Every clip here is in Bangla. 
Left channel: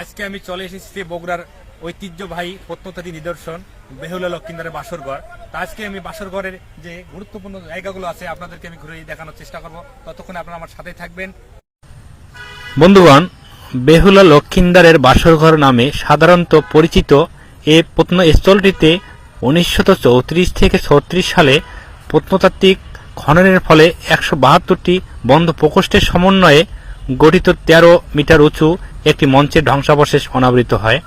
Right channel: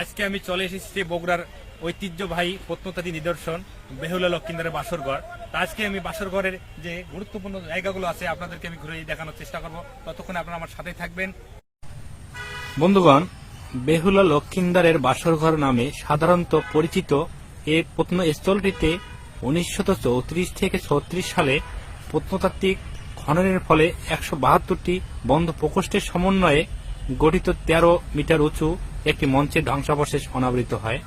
আজকে আমি চলে এসেছি বগুড়ার ঐতিহ্যবাহী প্রত্নতাত্ত্বিক নিদর্শন বেহুলা লক্ষিন্দারের বাসরঘর। তা আজকে আমি বাসরঘরের যে গুরুত্বপূর্ণ জায়গাগুলো আছে আপনাদেরকে আমি ঘুরে দেখানোর চেষ্টা করব। ততক্ষণে আপনারা আমার সাথে থাকবেন। বন্ধুগণ, বেহুলা লক্ষিন্দারের বাসরঘর নামে সাধারণত পরিচিত এই প্রত্নস্থলটিতে 1934 থেকে 36 সালে প্রত্নতাত্ত্বিক খননের ফলে 172টি বন্ধ প্রকোষ্ঠের সমন্বয়ে গঠিত 13 মিটার উঁচু একটি মঞ্চের ধ্বংসাবশেষ অনাবৃত হয়।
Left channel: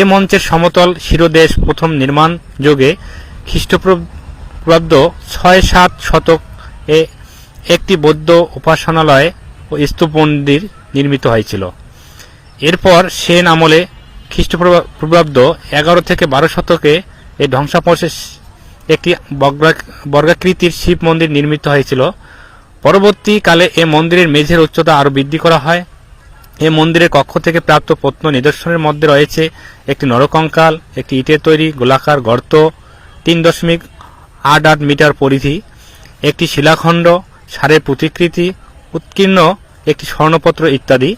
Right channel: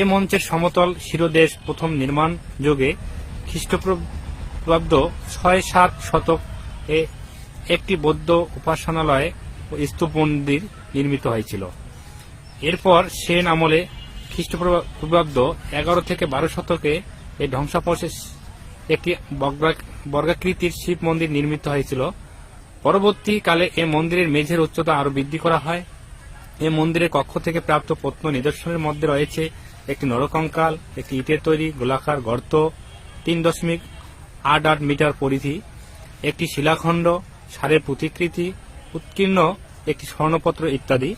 এ মঞ্চের সমতল শিরোদেশ প্রথম নির্মাণ যুগে খ্রিস্টপূর্বাব্দ 6-7 শতক এ একটি বৌদ্ধ উপাসনালয় ও স্তূপ মন্দির নির্মিত হয়েছিল। এরপর সেন আমলে খ্রিস্টপূর্বাব্দ 11 থেকে 12 শতকে এই ধ্বংসাবশেষ একটি বর্গাকৃতির শিব মন্দির নির্মিত হয়েছিল। পরবর্তীকালে এ মন্দিরের মেঝের উচ্চতা আরও বৃদ্ধি করা হয়। এ মন্দিরের কক্ষ থেকে প্রাপ্ত প্রত্ন নিদর্শনের মধ্যে রয়েছে একটি নরকঙ্কাল, একটি ইটের তৈরি গোলাকার গর্ত 3.88 মিটার পরিধি, একটি শিলাখণ্ড, ষাঁড়ের প্রতিকৃতি, উৎকীর্ণ একটি স্বর্ণপত্র ইত্যাদি।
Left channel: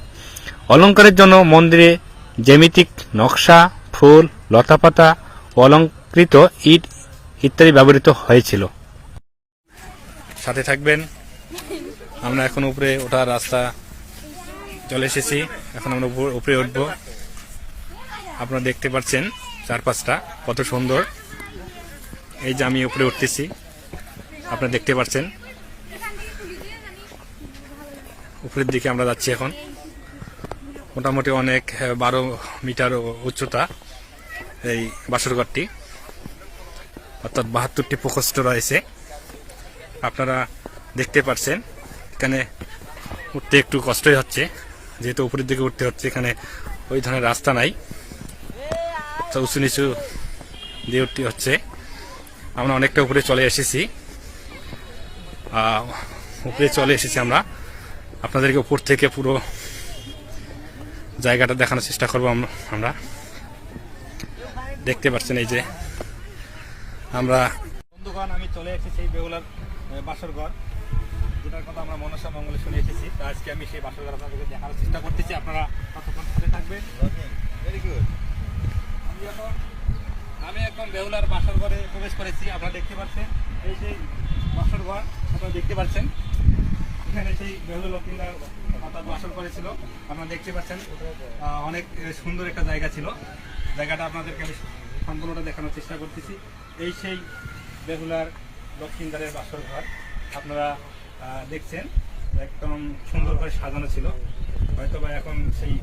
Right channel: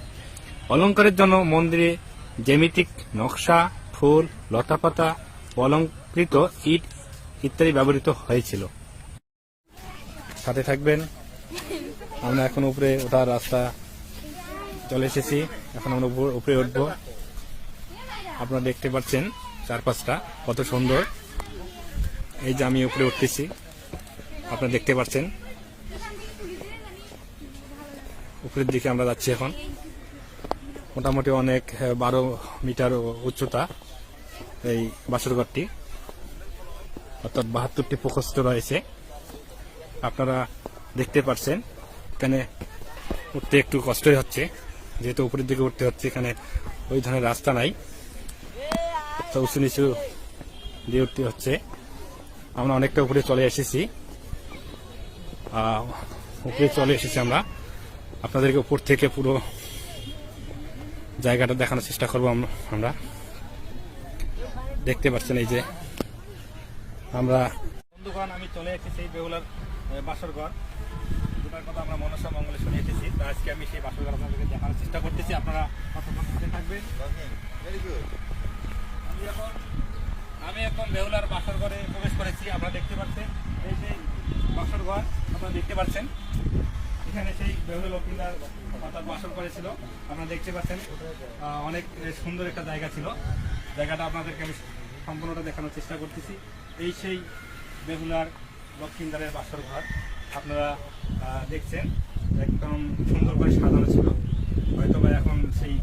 অলঙ্কারের জন্য মন্দিরে জ্যামিতিক নকশা, ফুল, লতাপাতা ও অলঙ্কৃত ইট ইত্যাদি ব্যবহৃত হয়েছিল। সাথে থাকবেন। আমরা এখন উপরে ওঠার রাস্তা চলে এসেছি। এখন আমরা উপরে উঠবো। আপনারা দেখতে পাচ্ছেন চারপাশটা কত সুন্দর। এই যে আমি উপরে উঠতেছি, আপনারা দেখতে পাচ্ছেন উপরের দিকে আমরা যাচ্ছি। এখন মোটামুটি অনেক 12 মিটার উচ্চতা এই বাসরঘরটি, অর্থাৎ 72টি প্রকোষ্ঠ রয়েছে। আপনারা দেখতে পাচ্ছেন এখানে উঠতে একটু কষ্টই হচ্ছে, যেহেতু উপরের দিকে উঠতে হচ্ছে। এখানে ওই ধরনের রাস্তা নাই, উঁচু নিচু দিয়ে উঠতে হচ্ছে। আমরা অনেকটা উপরে চলে এসেছি। আমরা আপনাদেরকে উপর থেকে পুরো জায়গাটা দেখানোর চেষ্টা করবো। আমরা দেখতে পাচ্ছেন এই যে আমরা বন্ধুগণ, আমি চলে এসেছি বেহুলার বাসরঘর, যেটার কথা আমরা মনসা মঙ্গলে শুনে এসেছি। তো আজকে আমি সেই বাসরঘর আপনাদেরকে দেখানোর চেষ্টা করতেছি। আপনারা কতক্ষণ সাথে থাকবেন। আমি এখন বেহুলার বাসরঘরে প্রবেশ করেছি। আপনারা দেখতে পাচ্ছেন এই যে বাসরঘর, আপনারা দেখতে পাচ্ছেন এখানে সেই বেহুলা লক্ষিন্দার অর্থাৎ বাসর করেছিল। আপনারা দেখতে পাচ্ছেন অনেক সুন্দর একটা জায়গা ছিল। জায়গাটা আপনাদেরকে আমি সম্পূর্ণটা দেখানোর চেষ্টা করতেছি। এই সেই বেহুলার লক্ষিন্দারের বাসর ঘর আপনারা দেখছেন, একদম সুন্দর করে সাজানো ছিল। হয়তো বা এখন সেই